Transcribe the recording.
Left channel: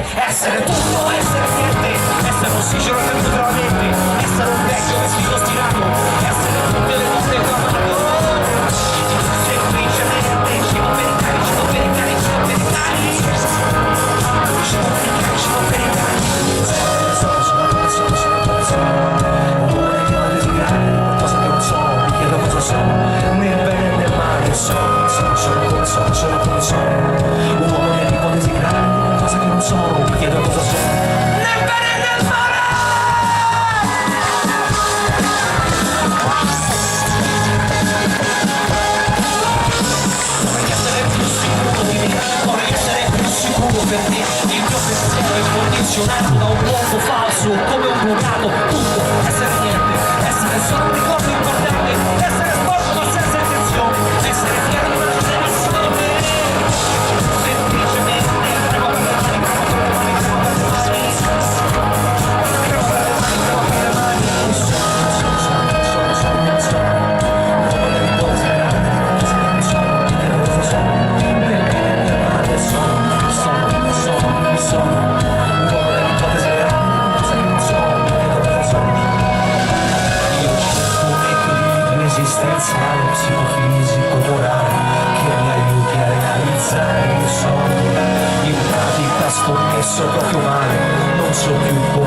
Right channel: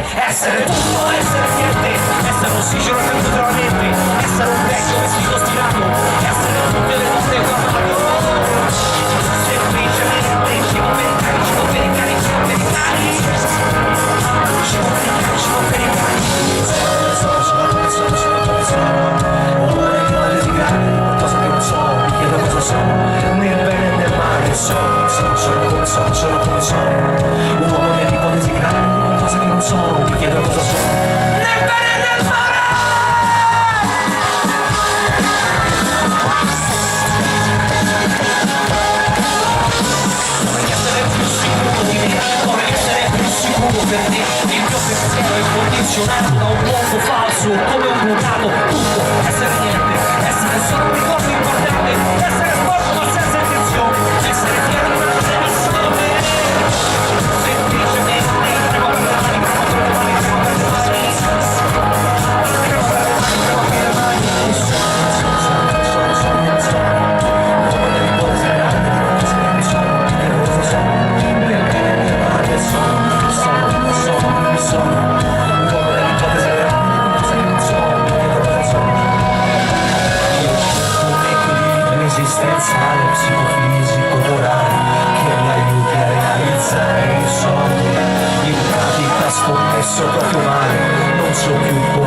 niente, essere tutto, essere niente, essere ossigeno che non la mente, essere un vecchio vestito stirato, essere tutte le notte guardato. Semplicemente scemo per i cani, scemo per i cani, scemo per i cani, scemo per i cani, scemo per i cani. Vorrei che la desigare qualcosa che non so, mi chiedo cosa so, nel bene e nel male, sono come sono, un uomo che può desiderare qualcosa che non so, mi chiedo cosa so, nel bene e nel male. Vorrei essere più sicuro di me, vorrei essere più sicuro per te, il mio pensiero è condizionato da un mondo falso, come un bucato, tutto, essere niente, essere solo un ricordo importante, essere sporco ma senza intenzione, essere fiero di una cosa solo me, semplicemente premo per le mani, premo per le mani, premo per le mani, premo per le mani, premo per le mani, come le riposi grandi, mi sono, chiedo cosa sono, nel bene e nel male, sono, un uomo delle ipotesi grandi, cosa che non so, mi chiedo cosa sono. Io cerco un equilibrio esistenziale, psicofisico, morale, che mi aiuti a realizzare i sogni. In pratica scommesso proprio male, non so più